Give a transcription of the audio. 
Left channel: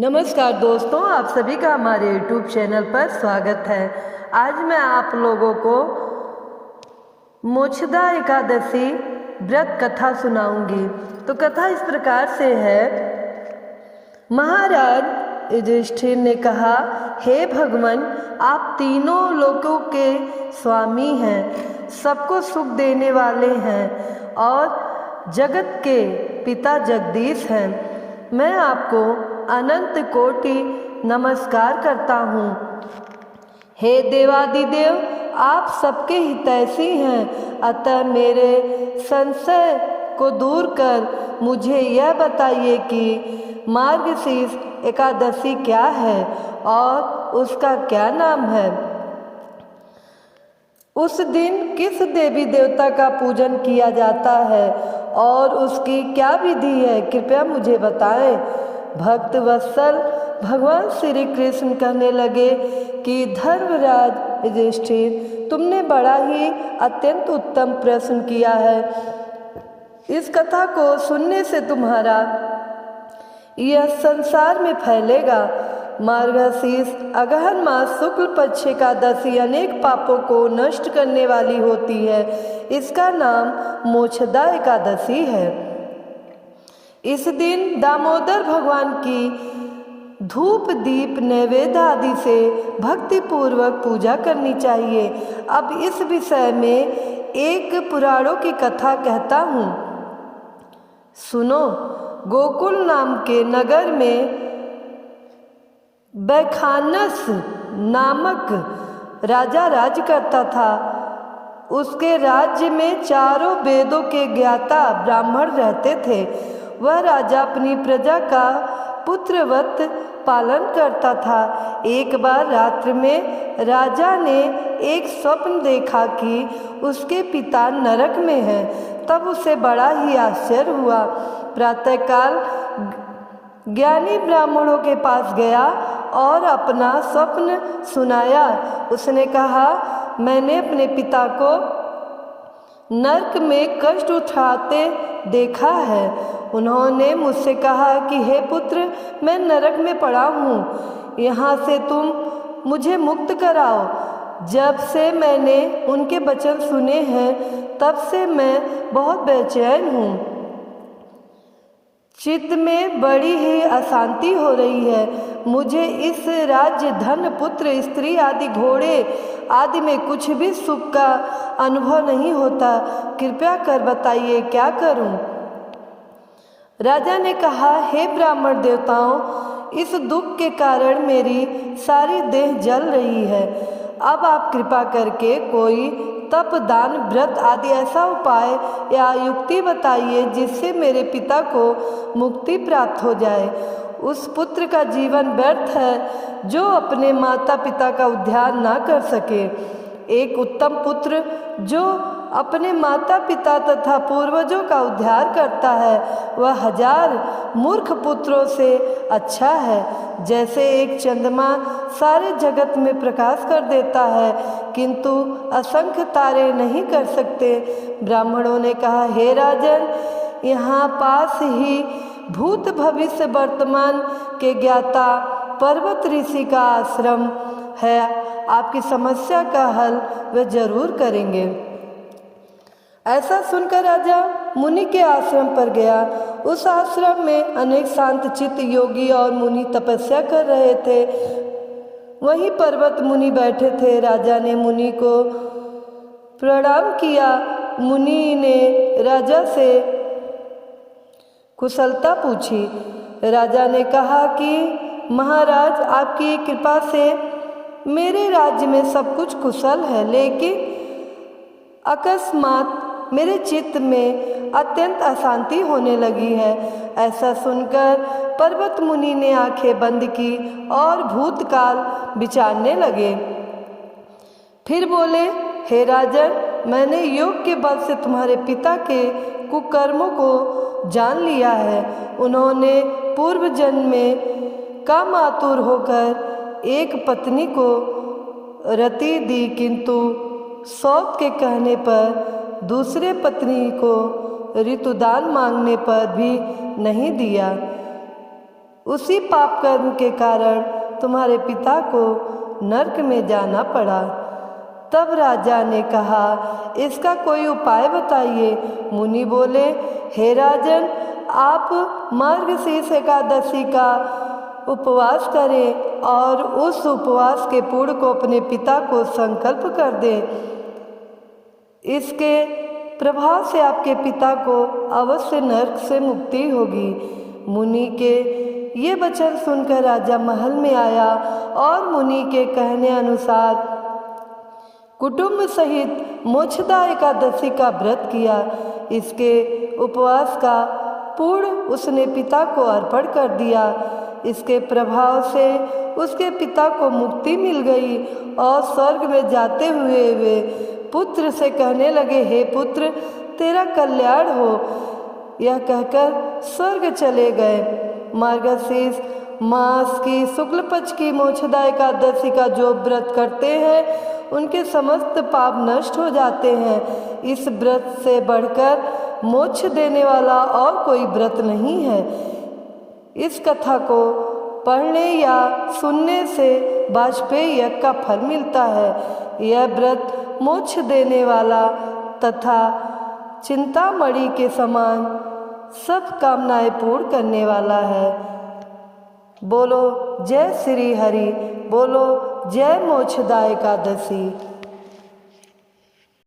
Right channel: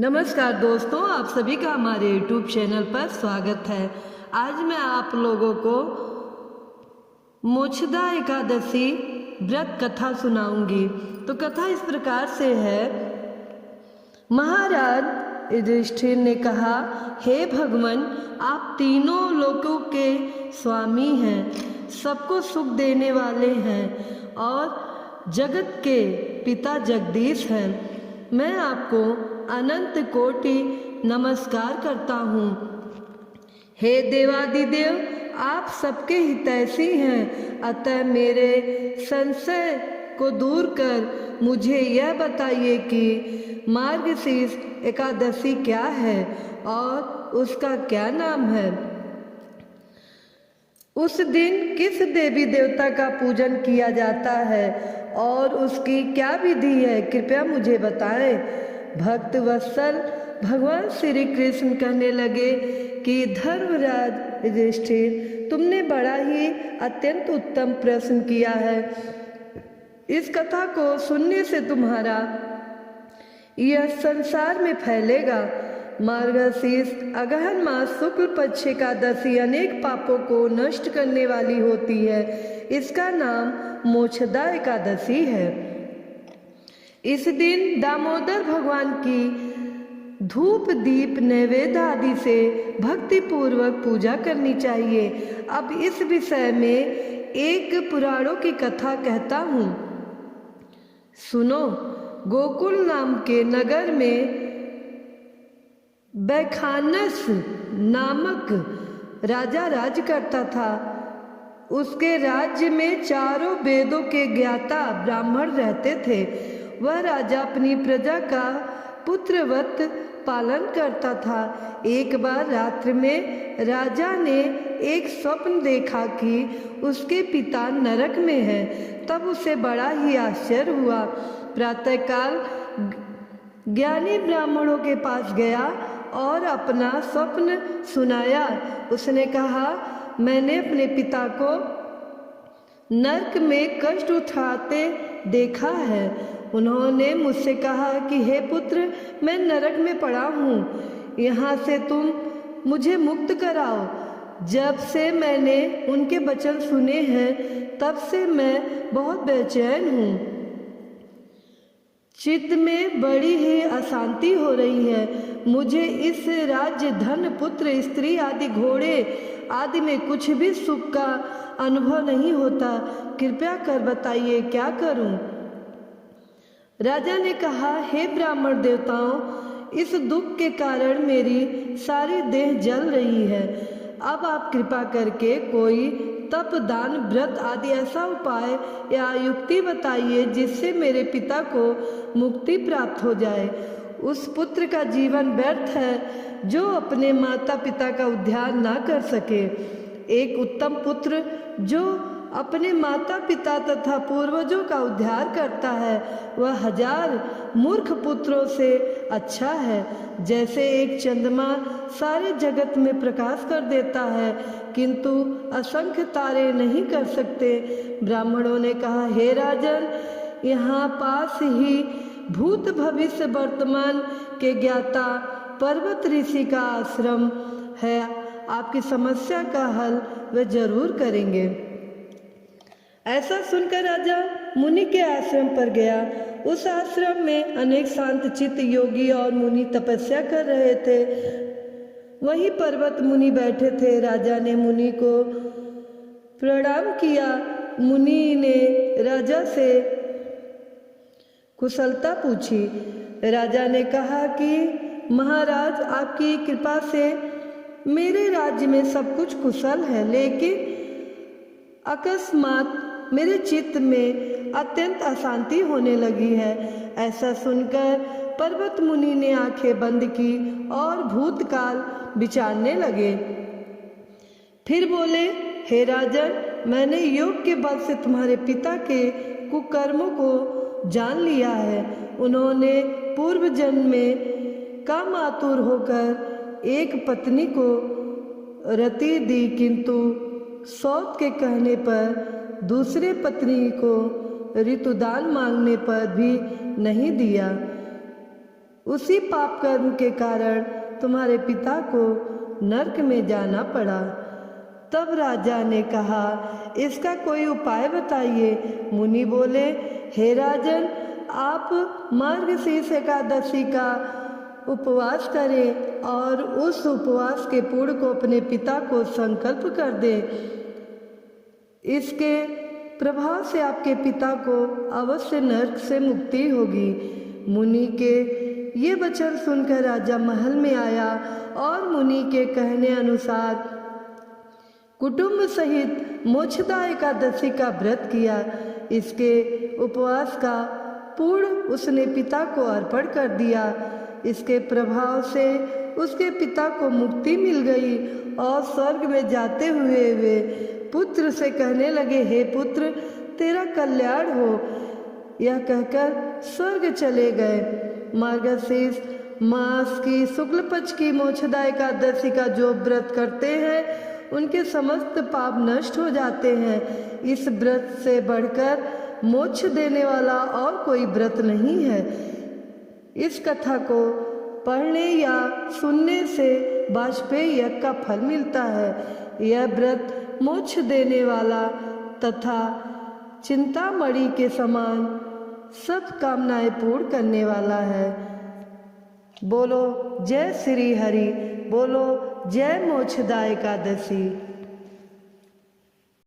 नमस्कार दोस्तों, आप सभी का हमारे YouTube चैनल पर स्वागत है। आज मैं आप लोगों को मोक्षदा एकादशी व्रत कथा सुनाऊंगी। तो कथा इस प्रकार से है। महाराज युधिष्ठिर ने कहा, हे भगवान, आप तीनों लोकों के स्वामी हैं, सबको सुख देने वाले हैं और जगत के पिता जगदीश हैं। मैं आपको अनंत कोटि नमस्कार करता हूँ। हे देवादिदेव, आप सबके हितैषी हैं, अतः मेरे संशय को दूर कर मुझे यह बताइए कि मार्गशीर्ष एकादशी क्या है और उसका क्या नाम है। उस दिन किस देवी देवता का पूजन किया जाता है और उसकी क्या विधि है, कृपया मुझे बताएं। भक्त वत्सल भगवान श्री कृष्ण कहने लगे कि धर्मराज युधिष्ठिर, तुमने बड़ा ही अत्यंत उत्तम प्रश्न किया है। इस कथा को सुनने से तुम्हारा यह संसार में फैलेगा। मार्गशीर्ष अगहन मास शुक्ल पक्ष एकादशी अनेक पापों को नष्ट करने वाली होती है। इसका नाम मोक्षदा एकादशी है। इस दिन दामोदर भगवान की धूप दीप नैवेद्य आदि से भक्ति पूर्वक पूजा करनी चाहिए। अब इस विषय में एक पुराणों की कथा कहता हूँ, सुनो। गोकुल नाम के नगर में बैखानस नामक राजा राज करता था। उसके राज्य में चारों वेदों के ज्ञाता ब्राह्मण रहते थे। वह राजा अपनी प्रजा का पुत्रवत पालन करता था। एक बार रात्रि में राजा ने एक स्वप्न देखा कि उसके पिता नरक में हैं। तब उसे बड़ा ही आश्चर्य हुआ। प्रातःकाल ज्ञानी ब्राह्मणों के पास गया और अपना स्वप्न सुनाया। उसने कहा, मैंने अपने पिता को नरक में कष्ट उठाते देखा है। उन्होंने मुझसे कहा कि हे पुत्र, मैं नरक में पड़ा हूँ, यहाँ से तुम मुझे मुक्त कराओ। जब से मैंने उनके वचन सुने हैं, तब से मैं बहुत बेचैन हूँ। चित्त में बड़ी ही अशांति हो रही है। मुझे इस राज्य, धन, पुत्र, स्त्री आदि, घोड़े आदि में कुछ भी सुख का अनुभव नहीं होता। कृपया कर बताइए, क्या करूं? राजा ने कहा, हे ब्राह्मण देवताओं, इस दुख के कारण मेरी सारी देह जल रही है। अब आप कृपा करके कोई तप, दान, व्रत आदि ऐसा उपाय या युक्ति बताइए जिससे मेरे पिता को मुक्ति प्राप्त हो जाए। उस पुत्र का जीवन व्यर्थ है जो अपने माता पिता का उद्धार ना कर सके। एक उत्तम पुत्र जो अपने माता पिता तथा पूर्वजों का उद्धार करता है, वह 1000 मूर्ख पुत्रों से अच्छा है। जैसे एक चंद्रमा सारे जगत में प्रकाश कर देता है, किंतु असंख्य तारे नहीं कर सकते। ब्राह्मणों ने कहा, हे राजन, यहाँ पास ही भूत भविष्य वर्तमान के ज्ञाता पर्वत ऋषि का आश्रम है। आपकी समस्या का हल वे जरूर करेंगे। ऐसा सुनकर राजा मुनि के आश्रम पर गया। उस आश्रम में अनेक शांत चित्त योगी और मुनि तपस्या कर रहे थे। वहीं पर्वत मुनि बैठे थे। राजा ने मुनि को प्रणाम किया। मुनि ने राजा से कुशलता पूछी। राजा ने कहा कि महाराज, आपकी कृपा से मेरे राज्य में सब कुछ कुशल है, लेकिन अकस्मात मेरे चित्त में अत्यंत अशांति होने लगी है। ऐसा सुनकर पर्वत मुनि ने आंखें बंद की और भूतकाल विचारने लगे। फिर बोले, हे राजन, मैंने योग के बल से तुम्हारे पिता के कुकर्मों को जान लिया है। उन्होंने पूर्व जन्म में कामातुर होकर एक पत्नी को रति दी, किंतु सौत के कहने पर दूसरे पत्नी को ऋतुदान मांगने पर भी नहीं दिया। उसी पाप कर्म के कारण तुम्हारे पिता को नरक में जाना पड़ा। तब राजा ने कहा, इसका कोई उपाय बताइए। मुनि बोले, हे राजन, आप मार्गशीर्ष एकादशी का उपवास करें और उस उपवास के पुण्य को अपने पिता को संकल्प कर दें। इसके प्रभाव से आपके पिता को अवश्य नरक से मुक्ति होगी। मुनि के ये वचन सुनकर राजा महल में आया और मुनि के कहने अनुसार कुटुंब सहित मोक्षदा एकादशी का व्रत किया। इसके उपवास का पुण्य उसने पिता को अर्पण कर दिया। इसके प्रभाव से उसके पिता को मुक्ति मिल गई और स्वर्ग में जाते हुए वे पुत्र से कहने लगे, हे पुत्र, तेरा कल्याण हो। यह कहकर स्वर्ग चले गए। मार्गशीर्ष मास की शुक्ल पक्ष की मोक्षदा एकादशी का जो व्रत करते हैं उनके समस्त पाप नष्ट हो जाते हैं। इस व्रत से बढ़कर मोक्ष देने वाला और कोई व्रत नहीं है। इस कथा को पढ़ने या सुनने से वाजपेयी यज्ञ का फल मिलता है। यह व्रत मोक्ष देने वाला तथा चिंतामणि के समान सब कामनाएं पूर्ण करने वाला है। बोलो जय श्री हरि, बोलो जय मोक्षदा एकादशी।